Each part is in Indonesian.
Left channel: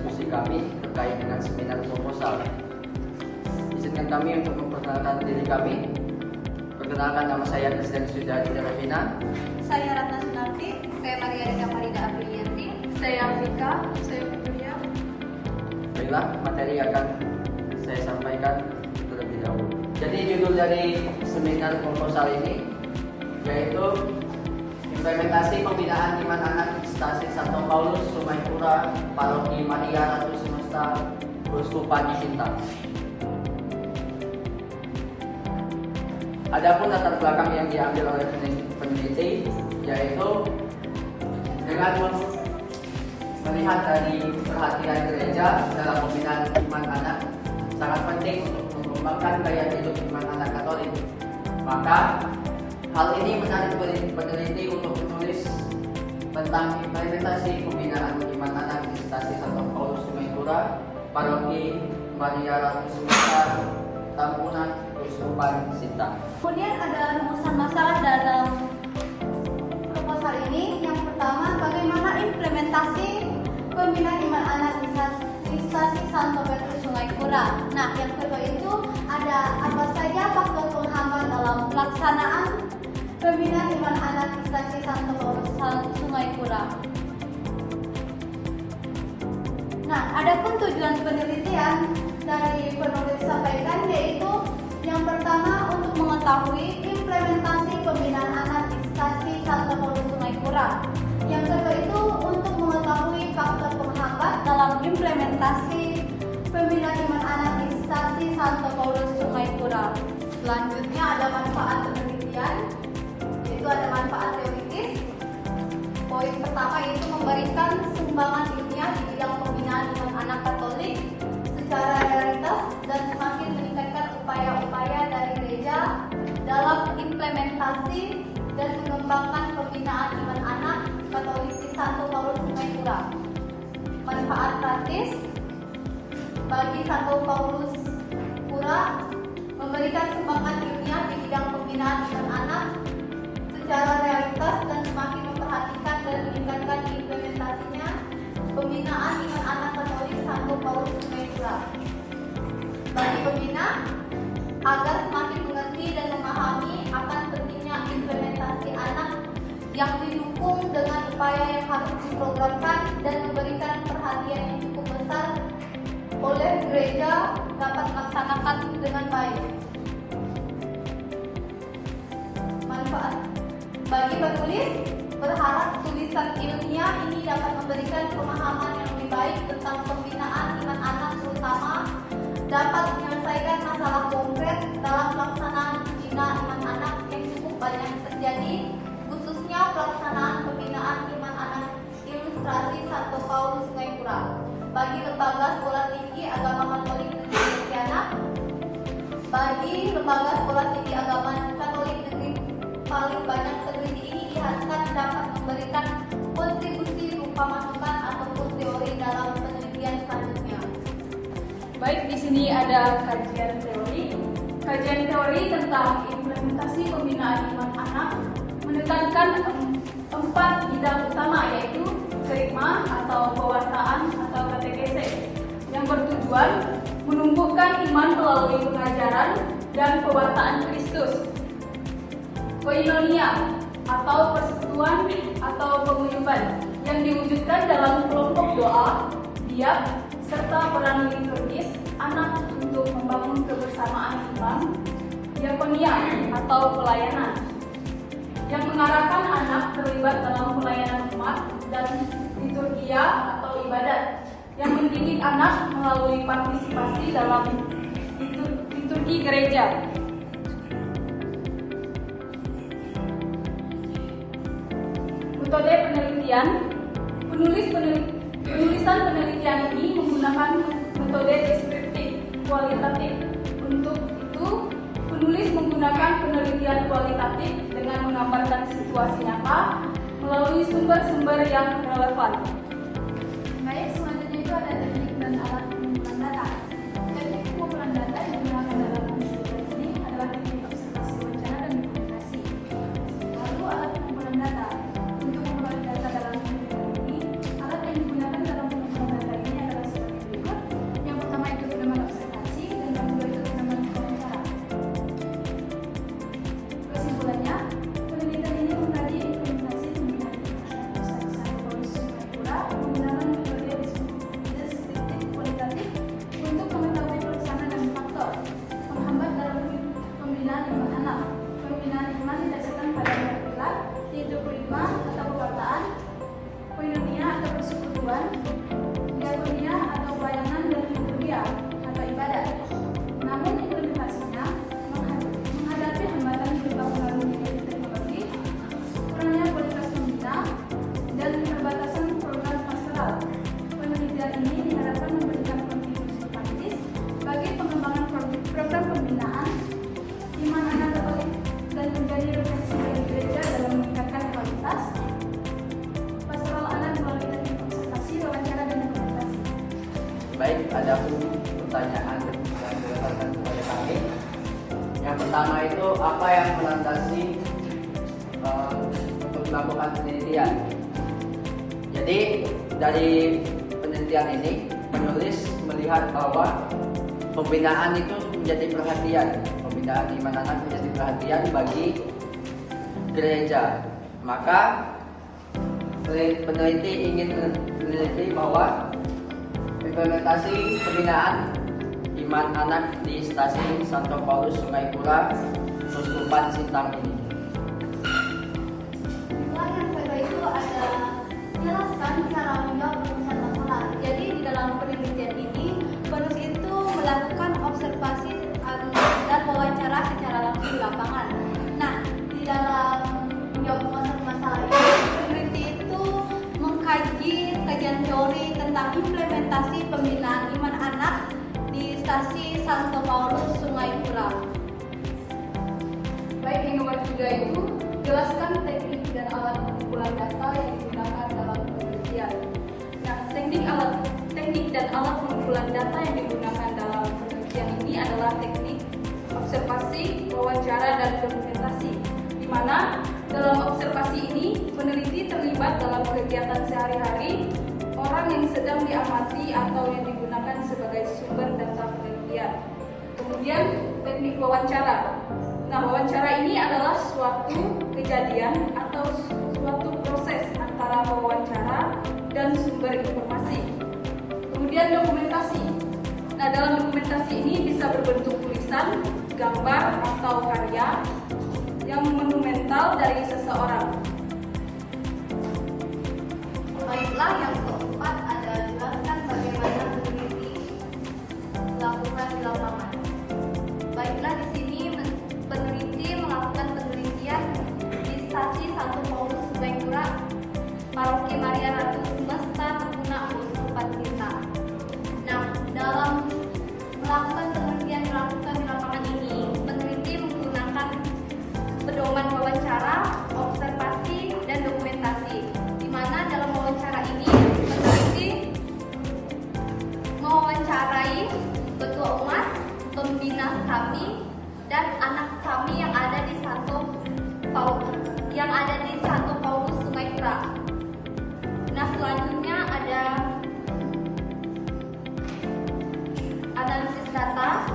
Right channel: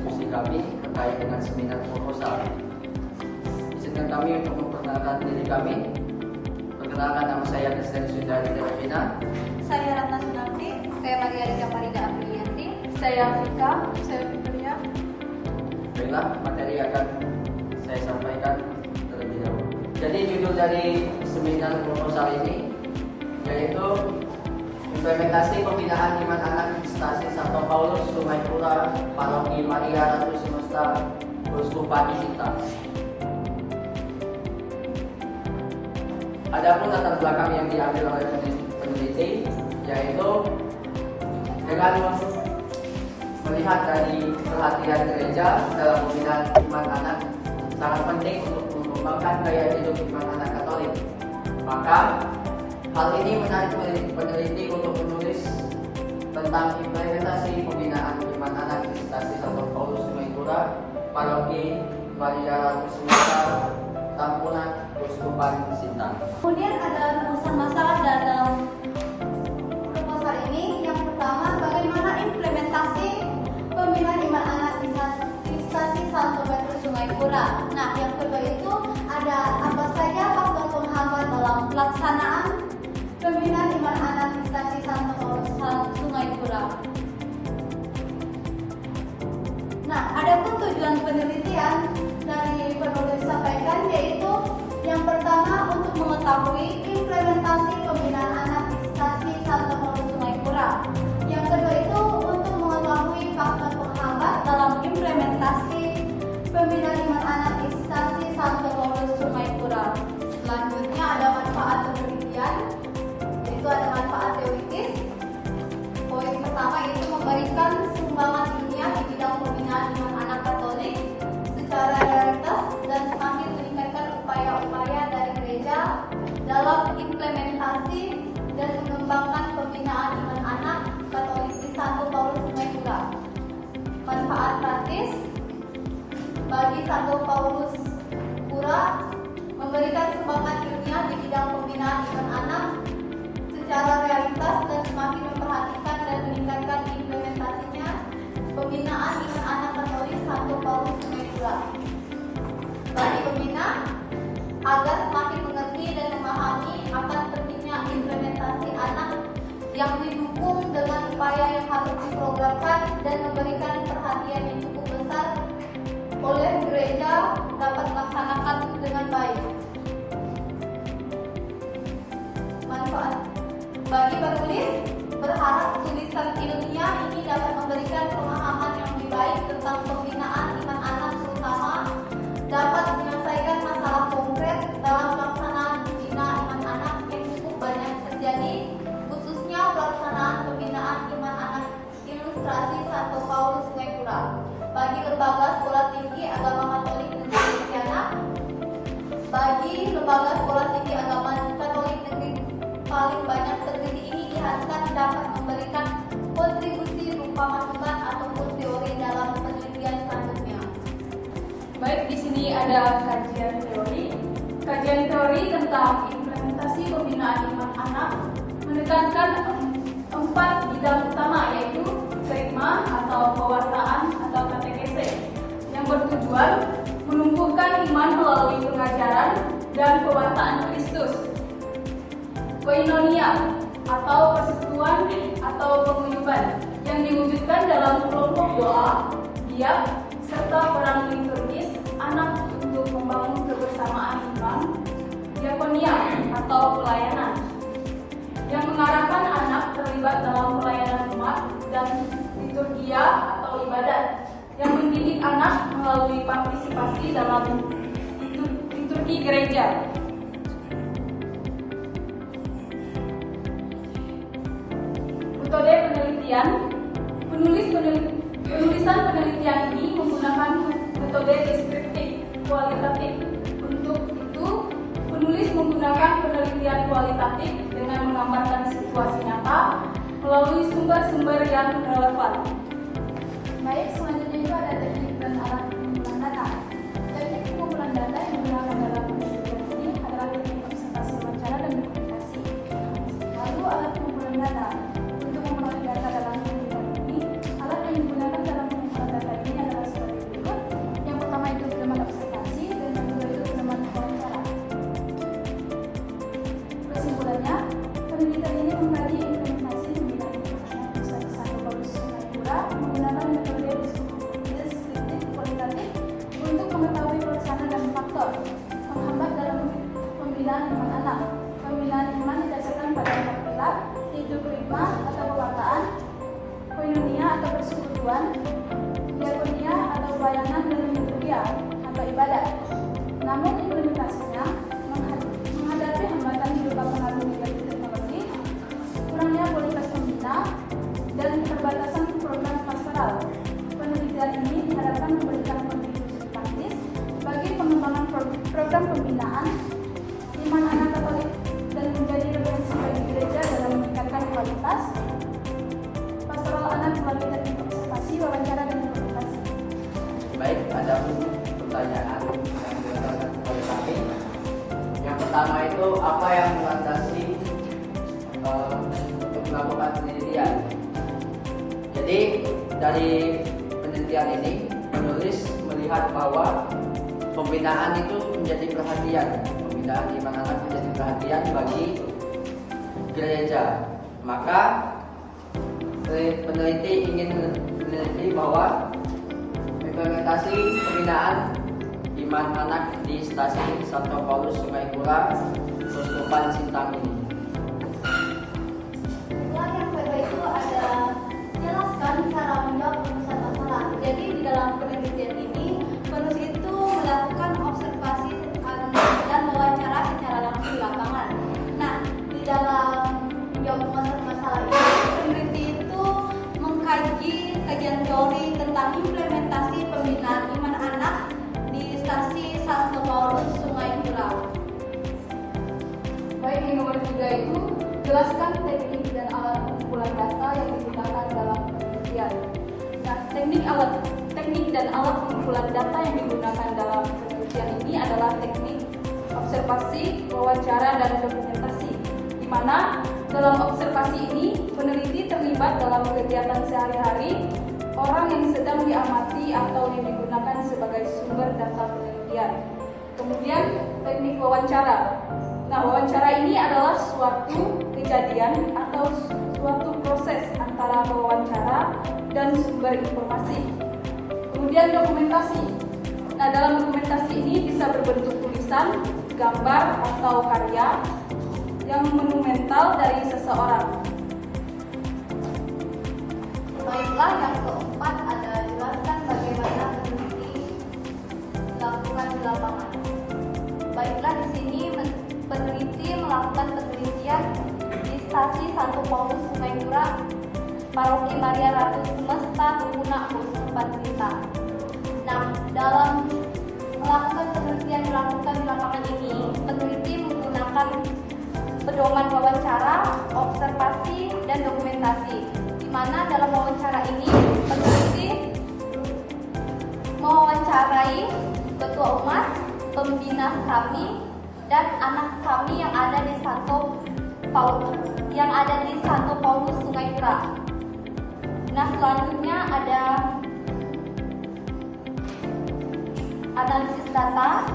diskusi kami terkait dengan seminar proposal. Izinkan kami untuk memperkenalkan diri kami. Perkenalkan, nama saya Christian Sujari Devina. Saya Ratna Sunarti. Saya Maria Rika Farida Aprilianti. Saya Afrika. Saya Fitria. Baiklah, materi akan saya sampaikan terlebih dahulu. Jadi judul dari seminar proposal ini yaitu implementasi pembinaan iman anak Stasiun Santo Paulus, Sungai Pura, Paroki Maria Ratu Semesta, Uskupan Cinta. Adapun latar belakang yang diambil oleh peneliti yaitu dengan melihat dari perhatian gereja dalam pembinaan iman anak sangat penting untuk mengembangkan gaya hidup iman anak Katolik. Maka hal ini menarik peneliti untuk menulis tentang implementasi pembinaan iman anak di Stasiun Santo Paulus, Sungai Pura, Paroki Maria Ratu Semesta, Tampunan, Uskupan Sintang. Kemudian ada rumusan masalah dalam proposal ini. Yang pertama, bagaimana implementasi pembinaan iman anak di Stasiun Santo Petrus Sungai Pura. Nah, yang kedua itu ada apa saja faktor penghambat dalam pelaksanaan pembinaan iman anak di Stasiun Santo Paulus Sungai Pura. Nah, adapun tujuan penelitian dari penulis sampaikan yaitu yang pertama untuk mengetahui implementasi pembinaan anak di Stasiun Santo Paulus Sungai Pura. Yang kedua itu untuk mengetahui faktor penghambat dalam implementasi pembinaan iman anak di Stasiun Santo Paulus Sungai Pura. Selanjutnya ada manfaat penelitian, itu ada manfaat teoritis. Poin pertama yaitu memberikan sumbangan ilmiah di bidang pembinaan iman anak Katolik secara realitas dan semakin meningkatkan upaya-upaya dari gereja dalam implementasi dan mengembangkan pembinaan iman anak Katolik di Santo Paulus Sungai Pura. Manfaat praktis bagi Santo Paulus Pura memberikan sumbangan ilmiah di bidang pembinaan iman anak secara realitas dan semakin memperhatikan dan meningkatkan implementasinya pembinaan iman anak Katolik Santo Paulus Sungai Pura. Bagi pembina agar semakin mengerti dan memahami akan pentingnya implementasi anak yang didukung dengan upaya yang harus diprogramkan dan memberikan perhatian yang cukup besar oleh gereja dapat melaksanakan dengan baik. Manfaat bagi penulis berharap tulisan ilmiah ini dapat memberikan pemahaman yang lebih baik tentang pembinaan iman anak, terutama dapat menyelesaikan masalah konkret dalam pelaksanaan pembinaan iman anak yang cukup banyak terjadi, khususnya pelaksanaan pembinaan iman anak ilustrasi Santo Paulus Sungai Pura bagi lembaga sekolah tinggi agama Katolik negeri Pontianak. Bagi lembaga sekolah tinggi agama Katolik negeri paling banyak terjadi ini diharapkan dapat memberikan kontribusi berupa masukan ataupun teori dalam penelitian selanjutnya. Baik, di sini ada kajian teori. Kajian teori tentang implementasi pembinaan iman anak menekankan 4 bidang utama, yaitu kerigma atau pewartaan atau katekese, yang bertujuan menumbuhkan iman melalui pengajaran dan pewartaan Kristus. Koinonia atau persekutuan atau paguyuban yang diwujudkan dalam kelompok doa, diak, serta peran liturgis anak untuk membangun kebersamaan iman. Diakonia atau pelayanan yang mengarahkan anak terlibat dalam pelayanan umat, dan liturgia atau ibadat yang mendidik anak melalui partisipasi dalam liturgi gereja. Metode penelitian, penulisan penelitian ini menggunakan metode deskriptif kualitatif. Untuk itu, penulis menggunakan penelitian kualitatif dengan menggambarkan situasi nyata melalui sumber-sumber yang relevan. Baik, selanjutnya itu ada teknik dan alat pengumpulan data. Teknik pengumpulan data yang digunakan dalam penelitian ini adalah teknik observasi wawancara dan dokumentasi. Lalu alat pengumpulan data. Untuk memperoleh data dalam penelitian ini, alat yang digunakan dalam pengumpulan data ini adalah faktor penghambat dalam pembinaan iman anak. Pembinaan iman didasarkan pada 4 pilar, yaitu prima atau pewartaan, koinonia atau persekutuan, diakonia atau pelayanan, dan liturgia atau ibadat. Namun implementasinya menghadapi hambatan berupa pengaruh negatif teknologi, kurangnya kualitas pembina, dan keterbatasan program pastoral. Penelitian ini diharapkan memberikan kontribusi praktis bagi pengembangan program pembinaan iman anak Katolik dan menjadi referensi bagi gereja dalam meningkatkan kualitas pastoral anak melalui teknik observasi, wawancara, dan dokumentasi. Baik, ada pertanyaan yang diaturkan kepada kami. Yang pertama itu, apa yang melandasi untuk melakukan penelitian? Jadi dari penelitian ini penulis melihat bahwa pembinaan itu menjadi perhatian, pembinaan iman anak menjadi perhatian bagi gereja. Maka peneliti ingin meneliti bahwa implementasi pembinaan iman anak di stasiun Santo Paulus Sungai Kura, Uskupan Sintang ini. Yang kedua itu ada jelaskan cara menjawab rumusan masalah. Jadi di dalam penelitian ini penulis itu melakukan observasi dan wawancara secara langsung di lapangan. Nah, di dalam menjawab rumusan masalah ini peneliti itu mengkaji kajian teori tentang implementasi pembinaan iman anak di stasi Santo Paulus Sungai Kura. Baik, yang nomor 3 itu jelaskan teknik dan alat pengumpulan data yang digunakan dalam penelitian. Nah, teknik dan alat pengumpulan data yang digunakan dalam penelitian ini adalah teknik observasi, wawancara, dan dokumentasi, di mana dalam observasi ini peneliti terlibat dalam kegiatan sehari-hari orang yang sedang diamati atau yang digunakan sebagai sumber data penelitian. Kemudian teknik wawancara. Nah, wawancara ini adalah suatu kejadian atau suatu proses antara wawancara dan sumber informasi. Kemudian dokumentasi. Nah, dalam dokumentasi ini bisa berbentuk tulisan, gambar, atau karya yang monumental dari seseorang. Baiklah, yang keempat ada jelaskan bagaimana peneliti dilakukan di lapangan. Baiklah, di sini peneliti melakukan penelitian di stasi Santo Paulus Sungai Kura, Paroki Maria Ratu Semesta, Lengkuna, Uskupan Sintang. Nah, dalam melakukan penelitian dilakukan di lapangan ini, peneliti menggunakan pedoman wawancara, observasi, dan dokumentasi. Di mana dalam wawancara ini peneliti mewawancarai ketua umat, pembina kami, dan anak kami yang ada di Santo Paulus Sungai Kura. Nah, selanjutnya ada analisis data,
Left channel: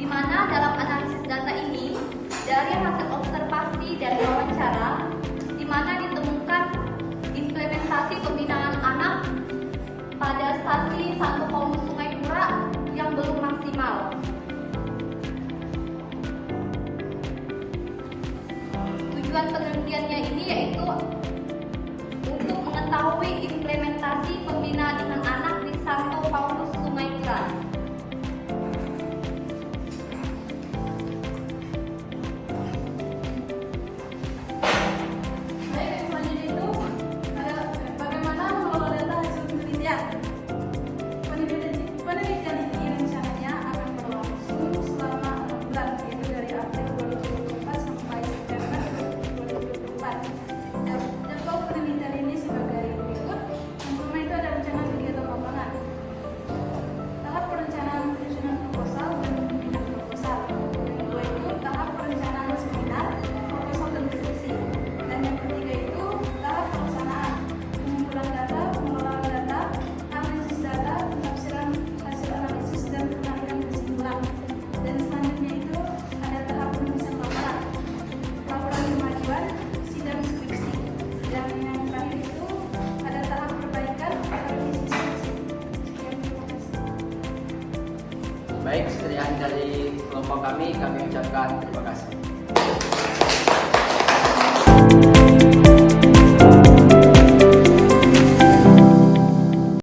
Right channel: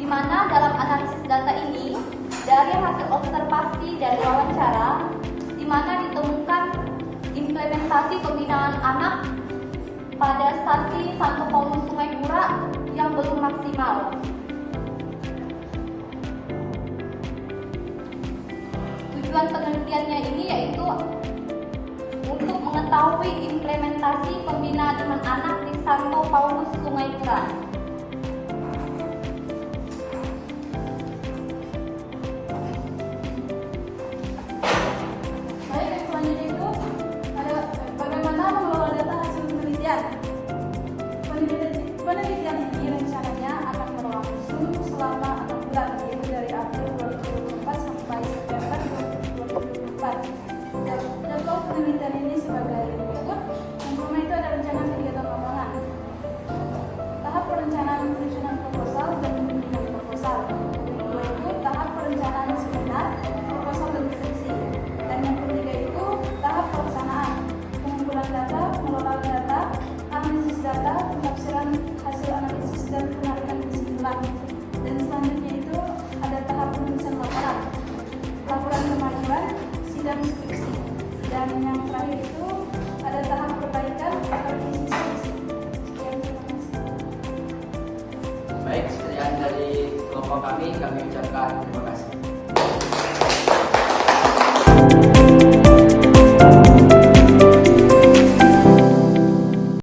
di mana dalam analisis data ini dari hasil observasi dan wawancara, di mana ditemukan implementasi pembinaan anak pada stasi Santo Paulus Sungai Kura yang belum maksimal. Tujuan penelitiannya ini yaitu untuk mengetahui implementasi pembinaan iman anak di Santo Paulus Sungai Kura. Baik, yang selanjutnya itu ada bagaimana mengelola data hasil penelitian. Penelitian ini rencananya akan berlangsung selama 6 bulan, yaitu dari April 2024 sampai September 2024. Jadwal penelitian ini sebagai berikut. Yang pertama itu ada rencana kegiatan lapangan. Tahap perencanaan Baik, sekian dari kelompok kami ucapkan terima kasih.